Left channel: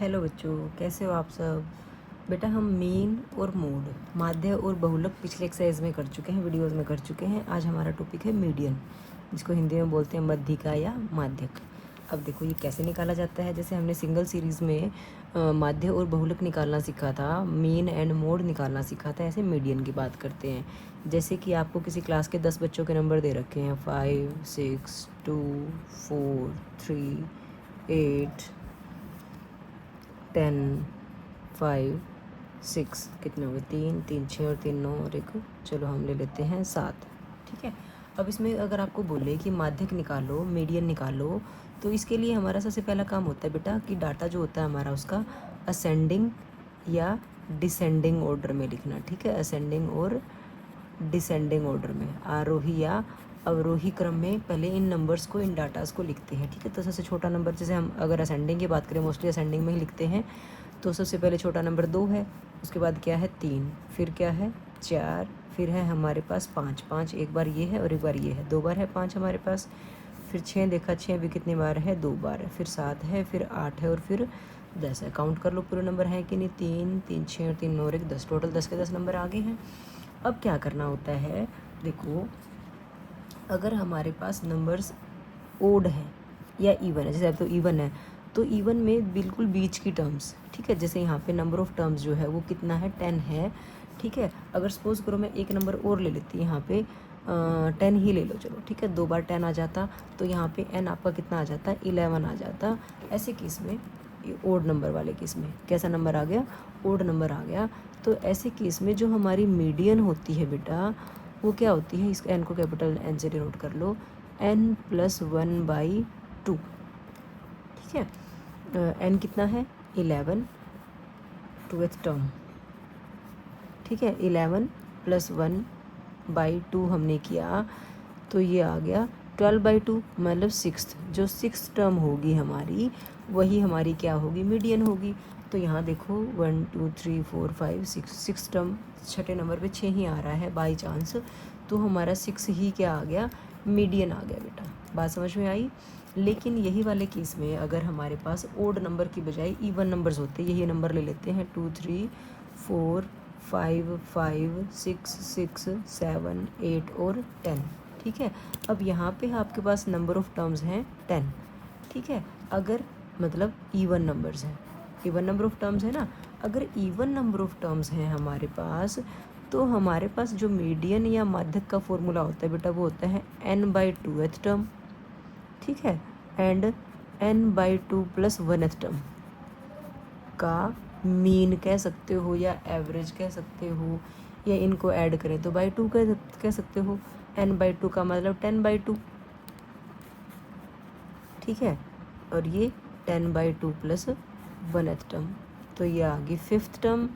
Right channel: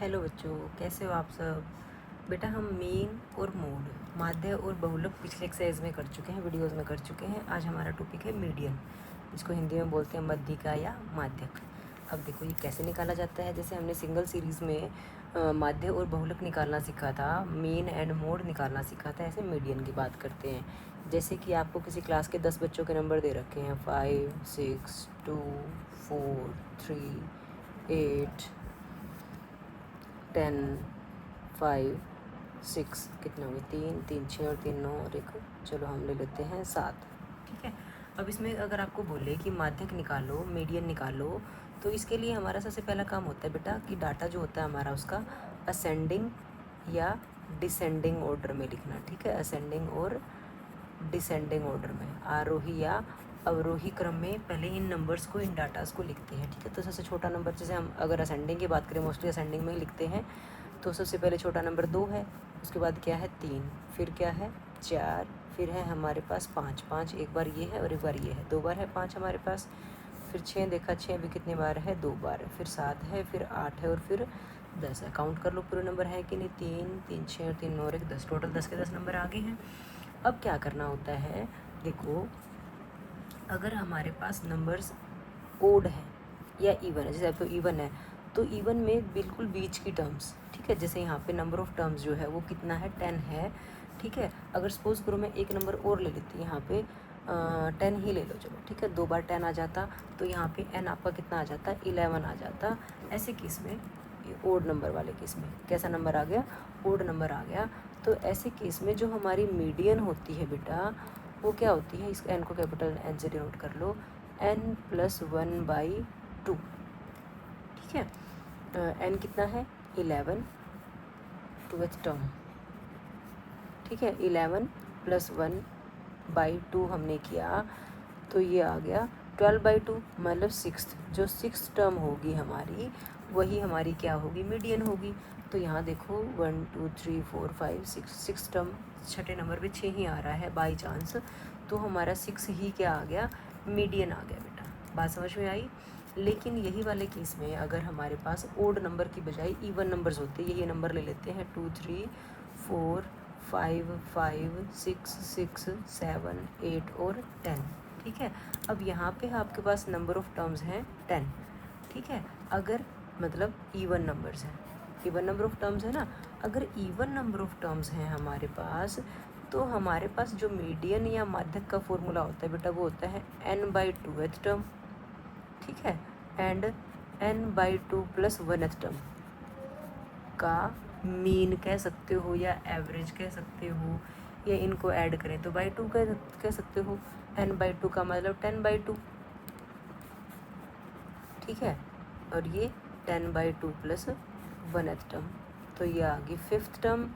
Hello बच्चों, कैसे हो आप सब। बेटा हम मीन और मोड, माध्य और बहुलक पिछले एक्सरसाइज में कर चुके हैं, वीडियोस में कर चुके हैं। आज हमारा टॉपिक है मीडियन, जिसको हिंदी में बोलते हैं मध्यिका या माध्यक। अब देखो ये कैसे निकाला जाता है। जैसे हमने सिंगल सीरीज़ में माध्य और बहुलक निकालना सीखा था, मीन एंड मोड निकालना सीखा था, ऐसे मीडियन की बात करते हैं। जैसे कि आपको किसी क्लास के 10 बच्चों के नंबर दे रखे हैं, 5, 6, 2, 4, 3, 8, 10, 5, 6, कितने हुए, 3, 3, 6 और 3, 9 और एक, चलो हम ले लेते हैं 7। ठीक है। अब इसमें अगर आपको बोले कि माध्यक निकालो, मीडियन निकालो, तो इसके लिए हमारा सबसे पहला काम होता है बेटा कि डाटा जो होता है हमारा उसका असेंडिंग या डिसेंडिंग ऑर्डर में लिखना। ठीक है, असेंडिंग और डिसेंडिंग ऑर्डर में, आरोही या अवरोही क्रम में पहले इन नंबर्स को, इन डाटास को लिखते हैं। ठीक है, तो सबसे छोटा नंबर, जैसे हम अगर असेंडिंग की बात करें, मोस्टली असेंडिंग में ही लिखते हैं, तो सबसे पहले छोटा नंबर 2 है, उसके बाद क्या है 3, फिर क्या है 4, फिर है हमारे पास 5, 5 एक बार ये है और एक बार ये है, 2 बार है 5 हमारे पास। फिर 6 देखा, 6 भी कितनी बार है, 2 बार है। फिर 7 है, फिर 8 है और फिर 10 है। काउंट कर लो पूरे नंबर है कि नहीं, 3, 3, 6 और 3, 9 और 1, 10, टोटल 10 के 10 नंबर आगे हैं। अब क्या करना होता है, देखो अगर हमारे पास नंबर्स ओड है या इवन है, जैसे अब तो इवन है, तो इवन में बिल्कुल बीच की टर्म्स, ठीक है, जैसे यहाँ पे नंबर ऑफ टर्म्स जो है वो कितना है, 10 है। ठीक है, अगर सपोज करो मैं एक नंबर और ले लेती, यहाँ पे 10 ही ले लो, चलो ठीक है, 2 बार 10 आ जाता, तो यहाँ पे n आपका कितना आ जाता, 11 आ जाता। ऐसे केस में, ओड नंबर वाले केस में कैसा नंबर आ गया, ओड नंबर आ गया। तो ऐसे केस में जो हमारी मीडियन होती है बेटा, वो क्या होती है, इस n को कैपिटल N से डिनोट कर लो, n+1/2। ठीक है, n कितना है, 11, ट्वेल्थ टर्म। ठीक है, 11+1/2 हमने किया, तो ये आ गया 12/2, मतलब 6th, जो 6th टर्म होगी हमारी, वही हमारी क्या होगी, मीडियन होगी। तो यहाँ देखो 1, 2, 3, 4, 5, 6, 6 टर्म, छठे नंबर पे 6 ही आ रहा है बाई चांस, तो हमारा 6 ही क्या आ गया, मीडियन आ गया बेटा। बात समझ में आई। लेकिन यही वाले केस में अगर हमारे पास ओड नंबर की बजाय इवन नंबर्स होते, यही नंबर ले लेते हैं, 2, 3, 4, 5, 5, 6, 6, 7, 8 और 10। ठीक है, अब यहाँ पे आपके पास नंबर ऑफ टर्म्स हैं 10। ठीक है, अगर मतलब इवन नंबर्स हैं, इवन नंबर ऑफ टर्म्स है ना, अगर इवन नंबर ऑफ टर्म्स हैं हमारे पास, तो हमारे पास जो मीडियन या माध्यक का फॉर्मूला होता है बेटा, वो होता है n/2th टर्म। ठीक है, एंड n/2 + 1th टर्म का मीन कह सकते हो या एवरेज कह सकते हो, या इनको ऐड करें तो बाई 2 कह सकते हो। n/2 का मतलब 10/2। ठीक है, और ये 10/2 + 1th टर्म, तो ये आ गई 5th term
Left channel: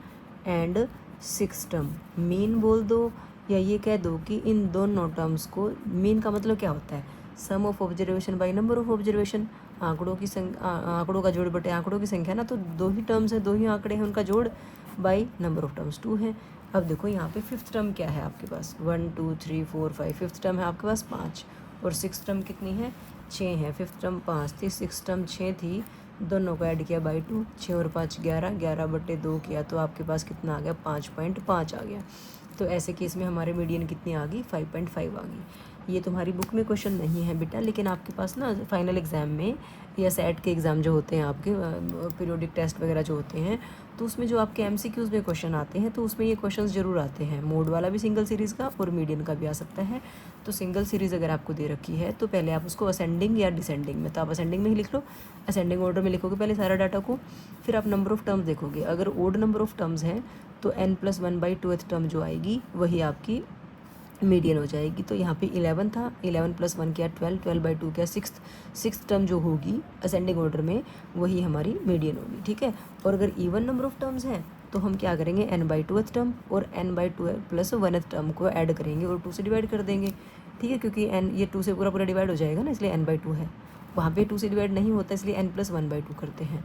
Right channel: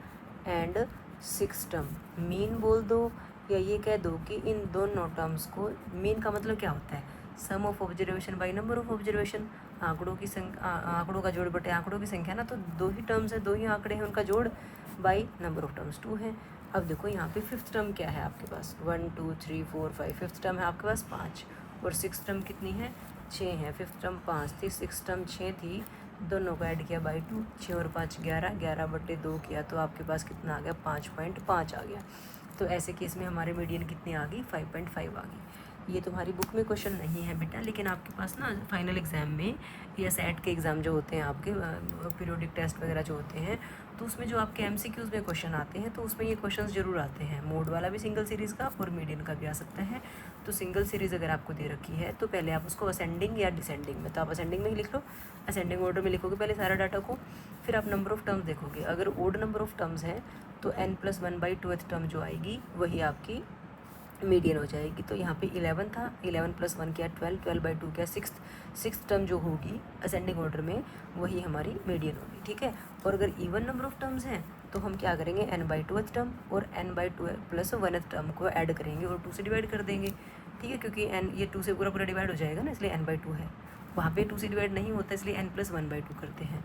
and 6th term. Mean बोल दो, या ये कह दो कि इन दोनों टर्म्स को, मीन का मतलब क्या होता है, sum of observation by number of observation, आंकड़ों की संख्या, आंकड़ों का जोड़ बटे आंकड़ों की संख्या ना, तो 2 ही टर्म्स है, 2 ही आंकड़े हैं, उनका जोड़ बाई नंबर ऑफ टर्म्स 2 है। अब देखो यहाँ पे 5th टर्म क्या है आपके पास, 1, 2, 3, 4, 5, 5th टर्म है आपके पास 5, और 6th टर्म कितनी है, 6 है। 5th टर्म 5 थी, 6th टर्म 6 थी, दोनों को ऐड किया बाई 2, 6 और 5 11, 11/2 किया, तो आपके पास कितना आ गया, 5.5 आ गया। तो ऐसे केस में हमारे मीडियन कितनी आ गई, 5.5 आ गई। ये तुम्हारी बुक में क्वेश्चन नहीं है बेटा, लेकिन आपके पास ना फाइनल एग्ज़ाम में या सेट के एग्ज़ाम जो होते हैं आपके, पीरियोडिक टेस्ट वगैरह जो होते हैं, तो उसमें जो आपके MCQs में क्वेश्चन आते हैं, तो उसमें ये क्वेश्चंस ज़रूर आते हैं, मोड वाला भी सिंगल सीरीज़ का और मीडियन का भी आ सकता है। तो सिंगल सीरीज़ अगर आपको दे रखी है, तो पहले आप उसको असेंडिंग या डिसेंडिंग में, तो आप असेंडिंग में ही लिख लो, असेंडिंग ऑर्डर में लिखोगे पहले सारा डाटा को, फिर आप नंबर ऑफ टर्म्स देखोगे। अगर ओड नंबर ऑफ टर्म्स हैं तो n+1/2th टर्म जो आएगी वही आपकी मीडियन हो जाएगी। तो यहाँ पे 11 था, 11+1 क्या 12, 12/2 क्या 6th टर्म जो होगी असेंडिंग ऑर्डर में, वही हमारी मीडियन होगी। ठीक है, और अगर इवन नंबर ऑफ टर्म्स हैं तो हम क्या करेंगे, n/2th टर्म और n/2 + 1th टर्म को ऐड करेंगे और 2 से डिवाइड कर देंगे। ठीक है, क्योंकि n ये 2 से पूरा पूरा डिवाइड हो जाएगा ना, इसलिए n/2 है, वहाँ पे 2 से डिवाइड नहीं होता, इसलिए n+1/2 करते हैं।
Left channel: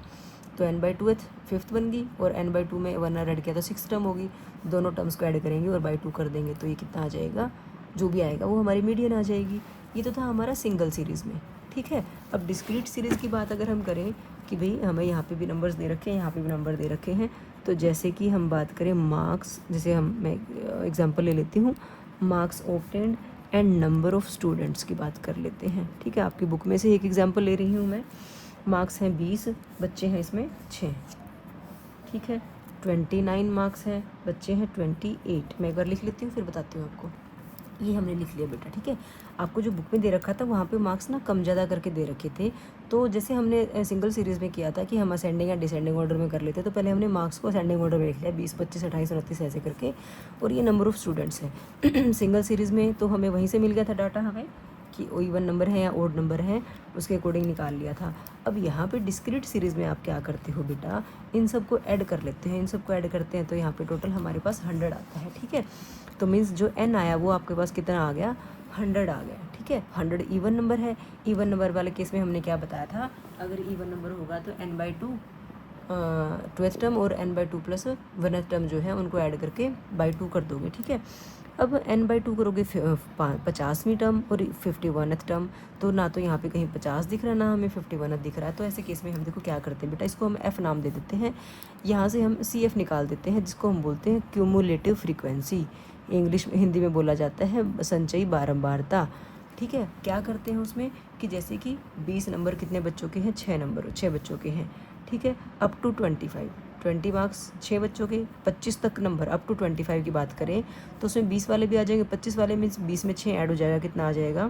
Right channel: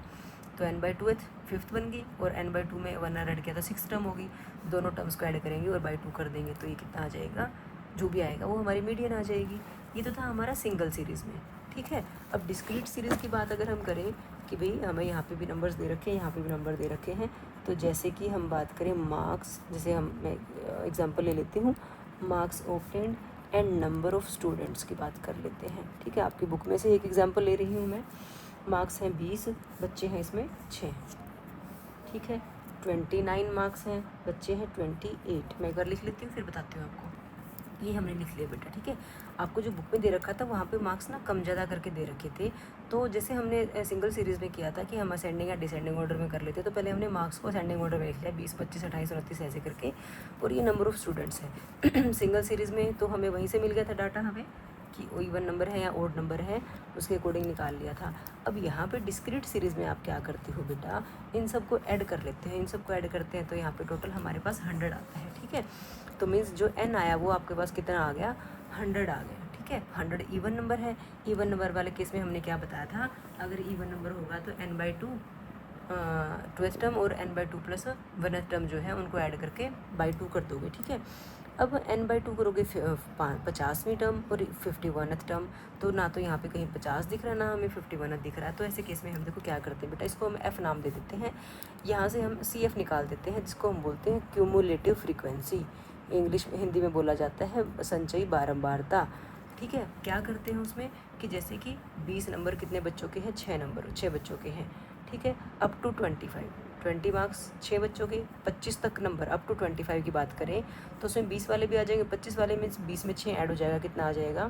तो n/2th 5th बन गई, और n/2 में 1 ऐड किया तो 6th टर्म होगी, दोनों टर्म्स को ऐड करेंगे और बाई 2 कर देंगे, तो ये कितना आ जाएगा, जो भी आएगा वो हमारी मीडियन आ जाएगी। ये तो था हमारा सिंगल सीरीज़ में। ठीक है। अब डिस्क्रीट सीरीज़ की बात अगर हम करें कि भाई हमें यहाँ पे भी नंबर्स दे रखे हैं, यहाँ पे भी नंबर दे रखे हैं, तो जैसे कि हम बात करें मार्क्स, जैसे मैं एग्जांपल ले लेती हूँ, marks obtained and number of students की बात कर लेते हैं। ठीक है, आपकी बुक में से एक एग्जांपल ले रही हूँ मैं। मार्क्स हैं 20, बच्चे हैं इसमें 6। ठीक है, 29 मार्क्स हैं, बच्चे हैं 28। मैं एक बार लिख लेती हूँ फिर बताती हूँ आपको। ये हमने लिख लिया बेटा। ठीक है, आपको जो बुक में दे रखा था वहाँ पे मार्क्स ना कम ज़्यादा करके दे रखे थे। तो जैसे हमने सिंगल सीरीज़ में किया था कि हम असेंडिंग एंड डिसेंडिंग ऑर्डर में कर लेते, तो पहले हमने मार्क्स को असेंडिंग ऑर्डर में लिख लिया 20, 25, 28, 29 ऐसे करके, और ये नंबर ऑफ़ स्टूडेंट्स है। सिंगल सीरीज़ में तो हमें वहीं से मिल गया था डाटा हमें कि इवन नंबर है या ओड नंबर है, उसके अकॉर्डिंग निकाल लिया था। अब यहाँ पे डिस्क्रीट सीरीज़ में आप क्या करते हो बेटा, इन सबको ऐड कर लेते हैं। इन सबको ऐड करते हैं तो यहाँ पे टोटल हमारे पास 100 आता है। ठीक है, तो मीन्स जो n आया वो आपके पास कितना आ गया, 100 आ गया। ठीक है, 100 इवन नंबर है। इवन नंबर वाले केस में हमने क्या बताया था, अगर इवन नंबर होगा तो n/2 ट्वेल्थ टर्म और n/2 प्लस 1th टर्म जो है उनको ऐड करके बाई 2 कर दोगे। ठीक है, अब n/2 करोगे 50वीं टर्म और 51th टर्म, तो ना तो यहाँ पे कहीं 50 दिख रहा, ना हमें 51th दिख रहा है। तो ऐसे केस में हम देखो क्या करते हैं बेटा, इसको हम f नाम दे देते हैं। यहाँ से हम CF निकाल देते हैं, जिसको हम बोलते हैं क्यूमुलेटिव फ्रीक्वेंसी। इंग्लिश में, हिंदी में बोला जाता है संचयी बारंबारता। ठीक है, क्या करते हैं उसमें कि जैसे कि 20 नंबर कितने बच्चों के हैं, 6 बच्चों के हैं। ठीक है, अप टू 20 मार्क्स 6 बच्चों के, 25 तक नंबर अप टू 25 की बात करें तो उसमें 20 वाले भी आ जाएंगे, 25 वाले में 20 में 6 ऐड हो जाएगा, कितना आ जाएगा,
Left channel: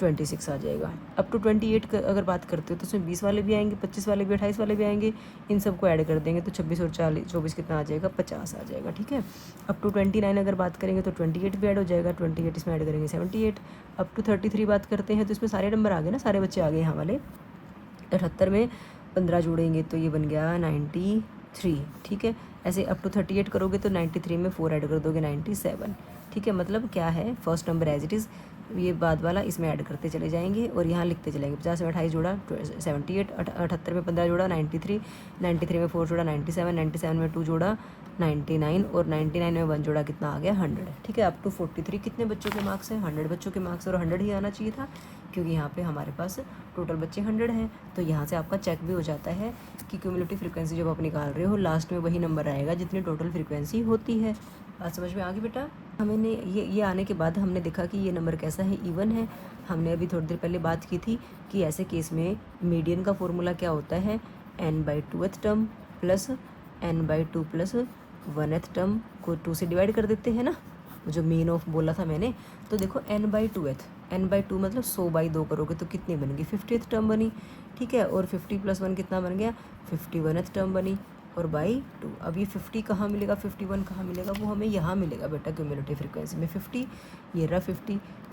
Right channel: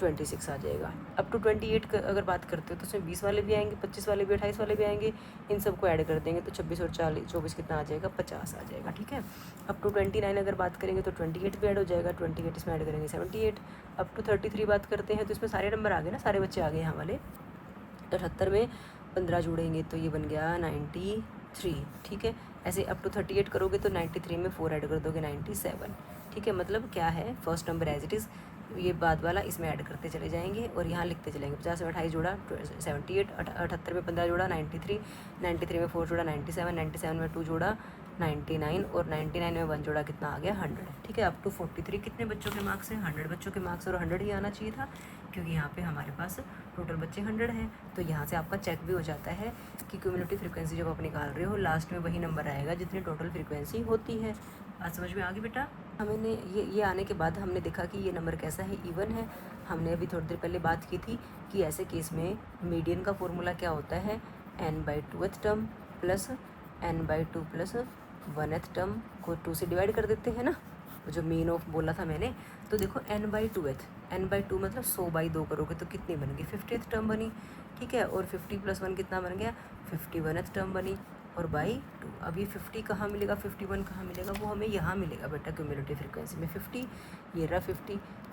26 आ जाएगा। अप टू 28 अगर बात करते हो तो उसमें 20 वाले भी आएंगे, 25 वाले भी, 28 वाले भी आएंगे, इन सबको ऐड कर देंगे तो 26 और 24 कितना आ जाएगा, 50 आ जाएगा। ठीक है, अप टू 29 अगर बात करेंगे तो 28 भी ऐड हो जाएगा, 28 इसमें ऐड करेंगे 78। अप टू 33 बात करते हैं तो इसमें सारे नंबर आ गए ना, सारे बच्चे आ गए यहाँ वाले। 78 में 15 जोड़ेंगे तो ये बन गया 93। ठीक है, ऐसे अप टू 38 करोगे तो 93 में 4 ऐड कर दोगे 97। ठीक है, मतलब क्या है, first number as it is, ये बाद वाला इसमें ऐड करते चले जाएंगे और यहाँ लिखते चलेंगे। 50 में 28 जोड़ा 78, 78 में 15 जोड़ा 93, 93 में 4 जोड़ा 97, 97 में 2 जोड़ा 99 और 99 में 1 जोड़ा कितना आ गया, 100। ठीक है, अप टू 43 कितने बच्चों के मार्क्स हैं, 100 बच्चों के मार्क्स, और 100 ही आना चाहिए था क्योंकि यहाँ पे हमारे पास टोटल बच्चे 100 हैं। तो यहाँ से आपका चेक भी हो जाता है कि क्यूमुलेटिव फ्रीक्वेंसी जब आप निकाल रहे हो लास्ट में वही नंबर आएगा जितनी टोटल फ्रीक्वेंसी होती है। बात समझ में आ गई बेटा। हमने ये आने के बाद हमने देखा कि ये नंबर कैसा है, इवन है। हमने अभी थोड़ी देर पहले बात की थी कि ऐसे केस में मीडियन का फॉर्मूला क्या होता है, n/2th term plus n/2 plus 1th term को 2 से डिवाइड कर देते हैं ना, जो मीन ऑफ बोला था मैंने। तो देखो n/2th, n/2 मतलब 100/2 करोगे तो कितनी बनेगी, 50th टर्म बनी। ठीक है, और 50 + 1 कितना बन गया, 51th टर्म बनी, और बाई 2। अब ये 50 कहाँ मिलेगा, 51 कहाँ मिलेगा, वो हमें यहाँ मिलेगा बेटा क्यूमुलेटिव फ्रीक्वेंसी में 50। ये रहा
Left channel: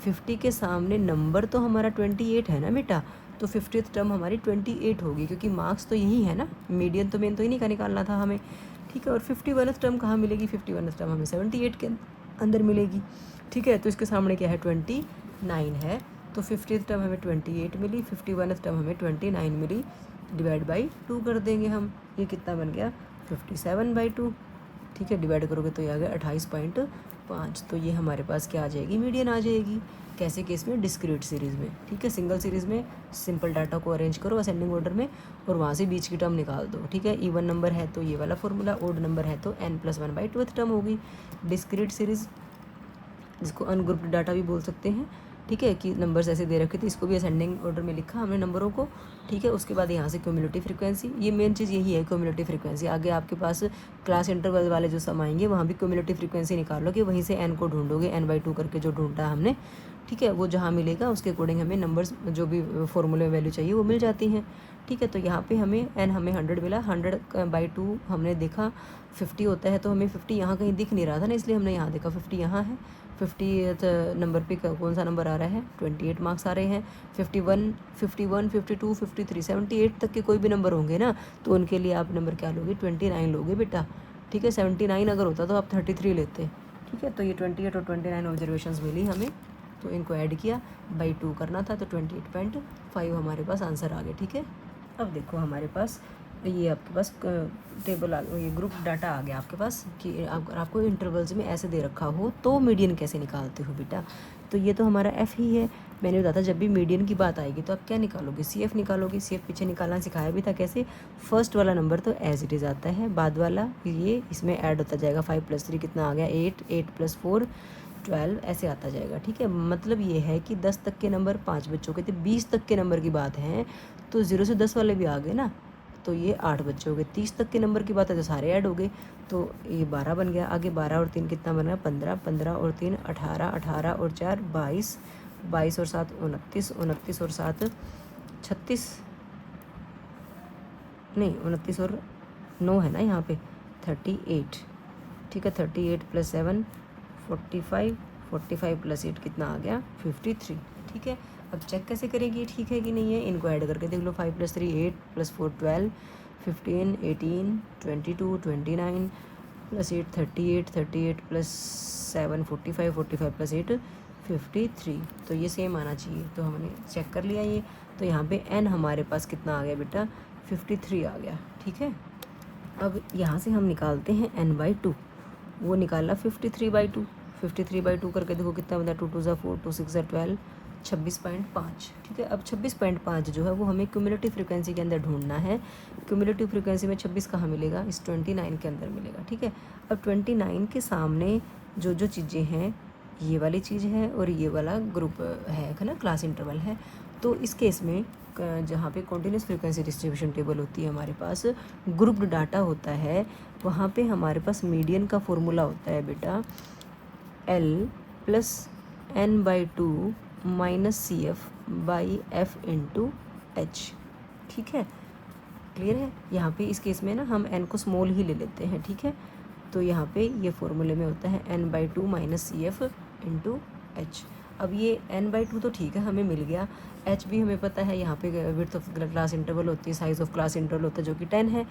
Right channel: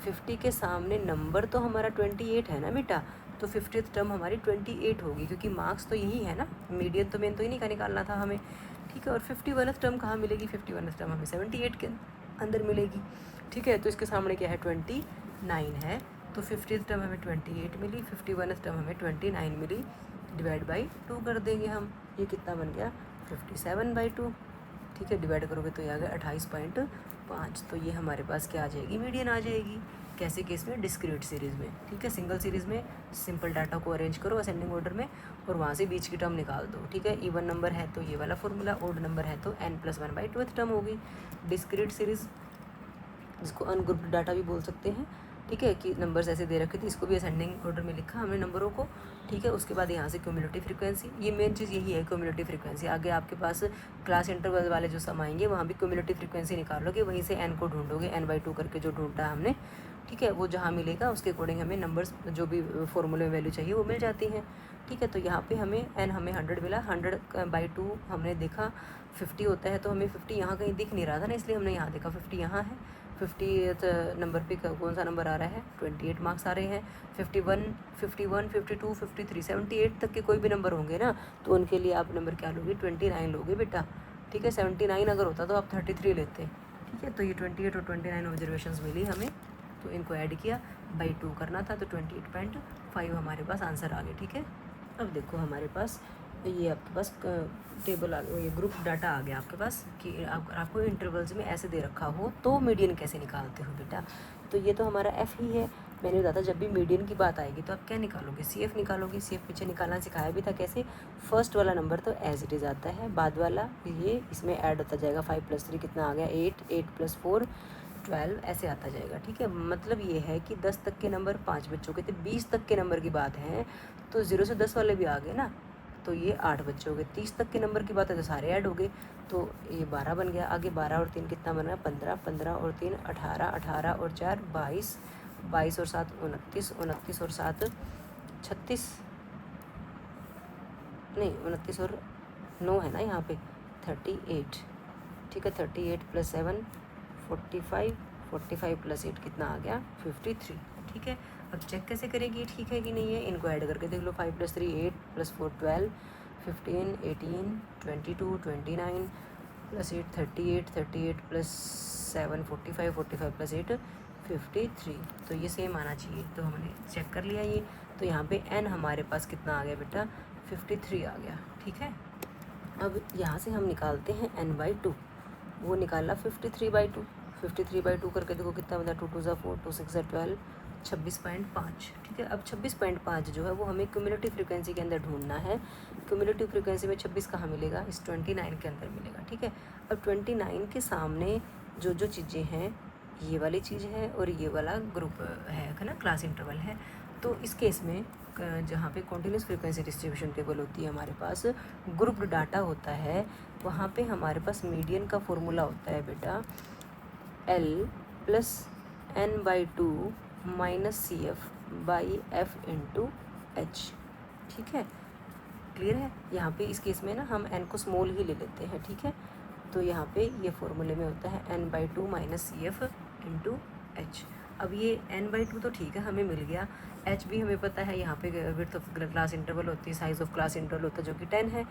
50 के सामने नंबर तो हमारा 28 है ना बेटा, तो 50th टर्म हमारी 28 होगी क्योंकि मार्क्स तो यही है ना, मीडियन तो मेन तो इन्हीं का निकालना था हमें। ठीक है, और 51th टर्म कहाँ मिलेगी, 51th टर्म हमें 78 के अंदर मिलेगी। ठीक है, तो इसके सामने क्या है, 29 है, तो 50th टर्म हमें 28 मिली, 51th टर्म हमें 29 मिली, डिवाइड बाई 2 कर देंगे हम। ये कितना बन गया, 57/2। ठीक है, डिवाइड करोगे तो ये आ गया 28.5। तो ये हमारे पास क्या आ जाएगी, मीडियन आ जाएगी। कैसे केस में, डिस्क्रीट सीरीज़ में। ठीक है, सिंगल सीरीज़ में सिंपल डाटा को अरेंज करो असेंडिंग ऑर्डर में और वहाँ से बीच की टर्म निकाल दो। ठीक है, इवन नंबर है तो ये वाला फॉर्मूला, ओड नंबर है तो n+1/2 टर्म होगी। डिस्क्रीट सीरीज़, जिसको अनग्रुप्ड डाटा भी बोल सकते हैं। ठीक है, कि नंबर्स ऐसे दे रखे थे, इसको भी असेंडिंग ऑर्डर में लिखा हमने नंबरों को। ठीक है, उसके बाद यहाँ से क्यूमुलेटिव फ्रीक्वेंसी, ये मेन चीज़ यही है क्यूमुलेटिव फ्रीक्वेंसी। आगे आपके पास क्लास इंटरवल वाले जो सम आएंगे वहाँ भी क्यूमुलेटिव फ्रीक्वेंसी निकालोगे, वहीं से n को ढूंढोगे, n/2 करके जो ढूंढा हमने। ठीक है, वो जहाँ मिलेगा उसके अकॉर्डिंग हमें नंबर्स जो भी फॉर्मूले वैल्यू चाहिए वो मिल जाती हैं। ठीक है, तो यहाँ पे हमें हमें 100 मिला, 100/2 हमने देखा 50 होता है, तो हमें 50 यहाँ कहीं दिख नहीं रहा था ना, इसलिए हमने यहाँ देखा 50 यहाँ है। 50th नंबर पे कौन सा नंबर आ रहा है, 28 मार्क्स आ रहे हैं। 51, 52, 53, 78 तक के कोई भी नंबर होंगे ना, तो उनके लिए आप नंबर क्या लोगे, 29 लोगे बेटा। ठीक है, 79 अगर होता तो आप 33 लेते। ठीक है, तो ये 28 और 29 ऑब्जर्वेशंस मिली हमें, तो इनको ऐड किया, बाई 2 करना था, तो 28.5 हमारे पास आंसर आ गया। ठीक है, अब देखो हमारे पास ये आपके पास टेबल आ गया, ये ग्रुप डाटा आ गया आपके पास कि अगर आपको इंटरवल्स में ऐसे दे रखा हो तो मीडियन कैसे निकालते हो बेटा। तो ये तो हमारा f ही है, मैंने बताया था जब भी मीडियन की बात आएगी तो आप क्या निकालोगे, CF निकालोगे। CF पीछे निकालना सिखाया भी था कैसे। फर्स्ट वाला नंबर तो एज इट इज़ आता है, बाद वाला ये इसमें ऐड होता जाएगा। 5 + 3 कितना आ गया 8, 8 + 4 12 ऐसे आता जाएगा, ठीक है। मतलब ये है कि 10 तक के नंबर 5 बच्चों के थे, 20 तक के नंबर की बात है तो 0 से 10 वाले भी आ गए ना, तो ये 8 बच्चे हो गए। 30 तक के नंबर की बात है तो सारे ऐड हो गए, तो ये 12 बन गया। आगे 12 और 3 कितना बन गया 15, 15 और 3 18, 18 और 4 22, 22 और 7 29, 29 और 7 36, नहीं 29 और 9 है ना यहाँ पे 38, ठीक है। 38 + 7 45, 45 + 8 कितना आ गया 53, ठीक है। अब चेक कैसे करेंगे ठीक है कि नहीं है, इनको ऐड करके देख लो। 5 + 3 8 + 4 12, 15 18 22 29 + 8 38, 38 + 7 45, 45 + 8 53, तो ये सेम आना चाहिए। तो हमने चेक कर लिया ये, तो यहाँ पे n हमारे पास कितना आ गया बेटा 53 आ गया, ठीक है। अब यहाँ से हम निकालते हैं n/2, वो निकाला 53/2, 53/2 करके देखो कितना बना 2 × 2 = 4, 2 × 6 = 12, 26.5, ठीक है। अब 26.5 जो है वो हमें क्यूमुलेटिव फ्रीक्वेंसी के अंदर ढूंढना है। क्यूमुलेटिव फ्रीक्वेंसी में 26 कहाँ मिलेगा, इस 29 के अंदर मिलेगा, ठीक है। अब 29 के सामने जो जो चीज़ें हैं, ये वाली चीज़ है और ये वाला ग्रुप है ना, क्लास इंटरवल है। तो इस केस में जहाँ पे कॉन्टिन्यूस फ्रीक्वेंसी डिस्ट्रीब्यूशन टेबल होती है हमारे पास, ग्रुप्ड डाटा होता है, वहाँ पे हमारे पास मीडियन का फॉर्मूला होता है बेटा L + n/2 - CF/F × H, ठीक है। क्लियर है। यहाँ पे इस केस में ना हम n को स्मॉल ही ले लेते हैं, ठीक है। तो यहाँ पे ये फॉर्मूले में होता है n/2 - CF × H। अब ये n/2 तो ठीक है हमें मिल गया, h भी हमें पता है, यहाँ पे विड्थ ऑफ क्लास इंटरवल होती है, साइज ऑफ क्लास इंटरवल होता है जो कि 10 है,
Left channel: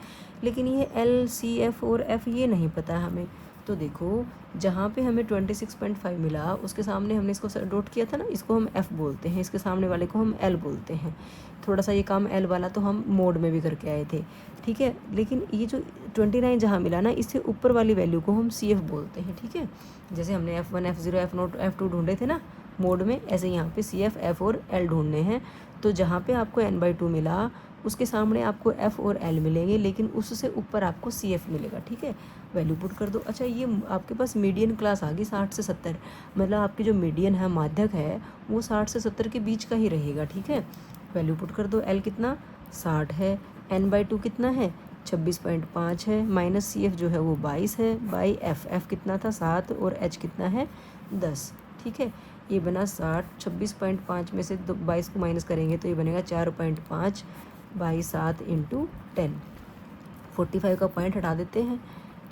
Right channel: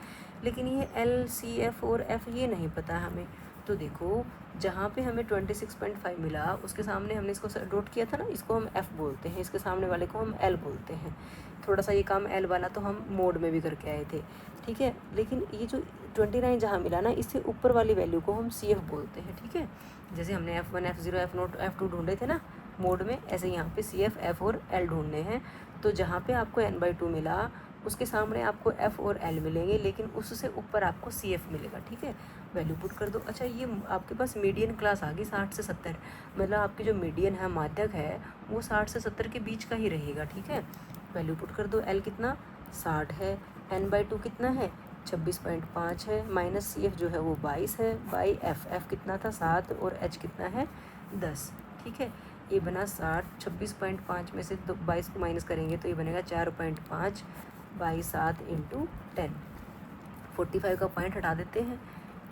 लेकिन ये L, CF और F ये नहीं पता हमें। तो देखो जहाँ पे हमें 26.5 मिला उसके सामने हमने इसको नोट किया था ना, इसको हम F बोलते हैं, इसके सामने वाले को हम L बोलते हैं। थोड़ा सा ये काम L वाला तो हम मोड में भी करके आए थे, ठीक है। लेकिन ये जो 29 जहाँ मिला ना, इससे ऊपर वाली वैल्यू को हम CF बोलते हैं, ठीक है। जैसे हमने F1, F0, F0, F2 ढूंढे थे ना मोड में, ऐसे यहाँ पे CF, F और L ढूंढने हैं। तो जहाँ पे आपको n/2 मिला उसके सामने आपको F और L मिलेंगे, लेकिन उससे ऊपर आपको CF मिलेगा, ठीक है। वैल्यू पुट कर दो। अच्छा ये आपके पास मीडियन क्लास आ गई 60 से 70, मतलब आपकी जो मीडियन है, माध्यक है, वो 60 से 70 के बीच का ही रहेगा, ठीक है। वैल्यू पुट कर दो। L कितना 60 है, n/2 कितना है 26.5 है, माइनस CF जो है वो 22 है, बाई F कितना था 7 और H कितना है 10, ठीक है। ये बना 60, 26.5 में से 22 को माइनस करेंगे तो ये बनेगा 4.5 बाई 7 × 10। 45 का पॉइंट हटा देते हैं,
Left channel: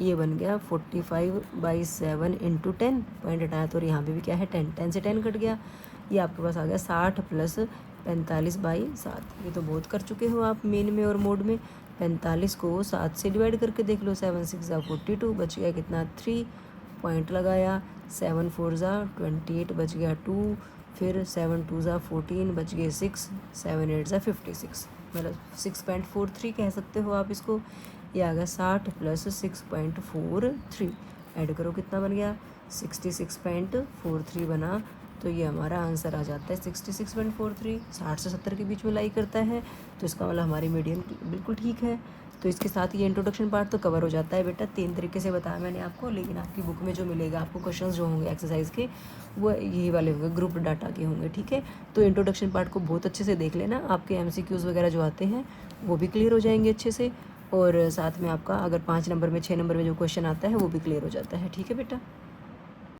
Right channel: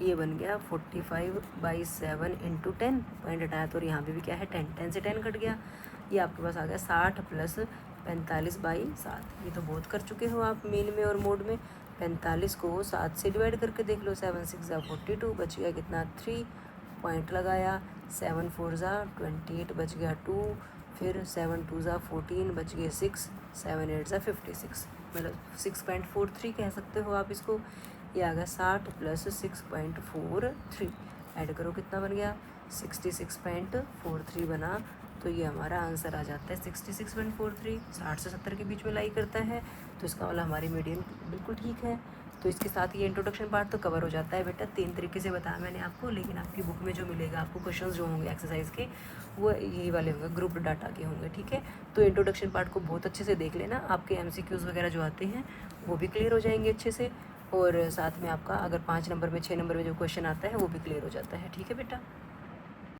ये बन गया 45/7 × 10, पॉइंट हटाया तो यहाँ पे भी क्या है 10, 10 से 10 कट गया, ये आपके पास आ गया 60 + 45/7। ये तो बहुत कर चुके हो आप मेन में और मोड में। 45 को 7 से डिवाइड करके देख लो, 7 6 = 42, बच गया कितना 3, पॉइंट लगाया, 7 4 = 28, बच गया 2, फिर 7 2 = 14, बच गए 6, 7 8 = 56, मतलब 6.43 कह सकते हो आप इसको। ये आ गया 60 + 6.43, ऐड करो कितना बन गया 66.43 बना। तो ये हमारा आंसर आ जाता है 66.43, 60 से 70 के बीच में लाई करता है, तो इसका मतलब हमारी मीडियम बिल्कुल ठीक है। तो इसके साथ ये इंट्रोडक्शन पार्ट तो कवर हो जाता है बेटा। 3 तरीके से बताया मैंने आपको, लेकिन आपकी बुक में जो मिलेगा आपको क्वेश्चंस जो होंगे एक्सरसाइज के, वो यही वाले होंगे, ग्रुप डाटा के होंगे, ठीक है। तो इंट्रोडक्शन पार्ट को बहुत अच्छे से देख लेना, आपके MCQs वगैरह जो आते हैं वो भी क्लियर हो जाएंगे अच्छे से, और साथ में आपका अगर 5 नंबर में 6 नंबर में जो क्वेश्चन आता है वो भी क्लियर हो जाता है, ठीक है बेटा।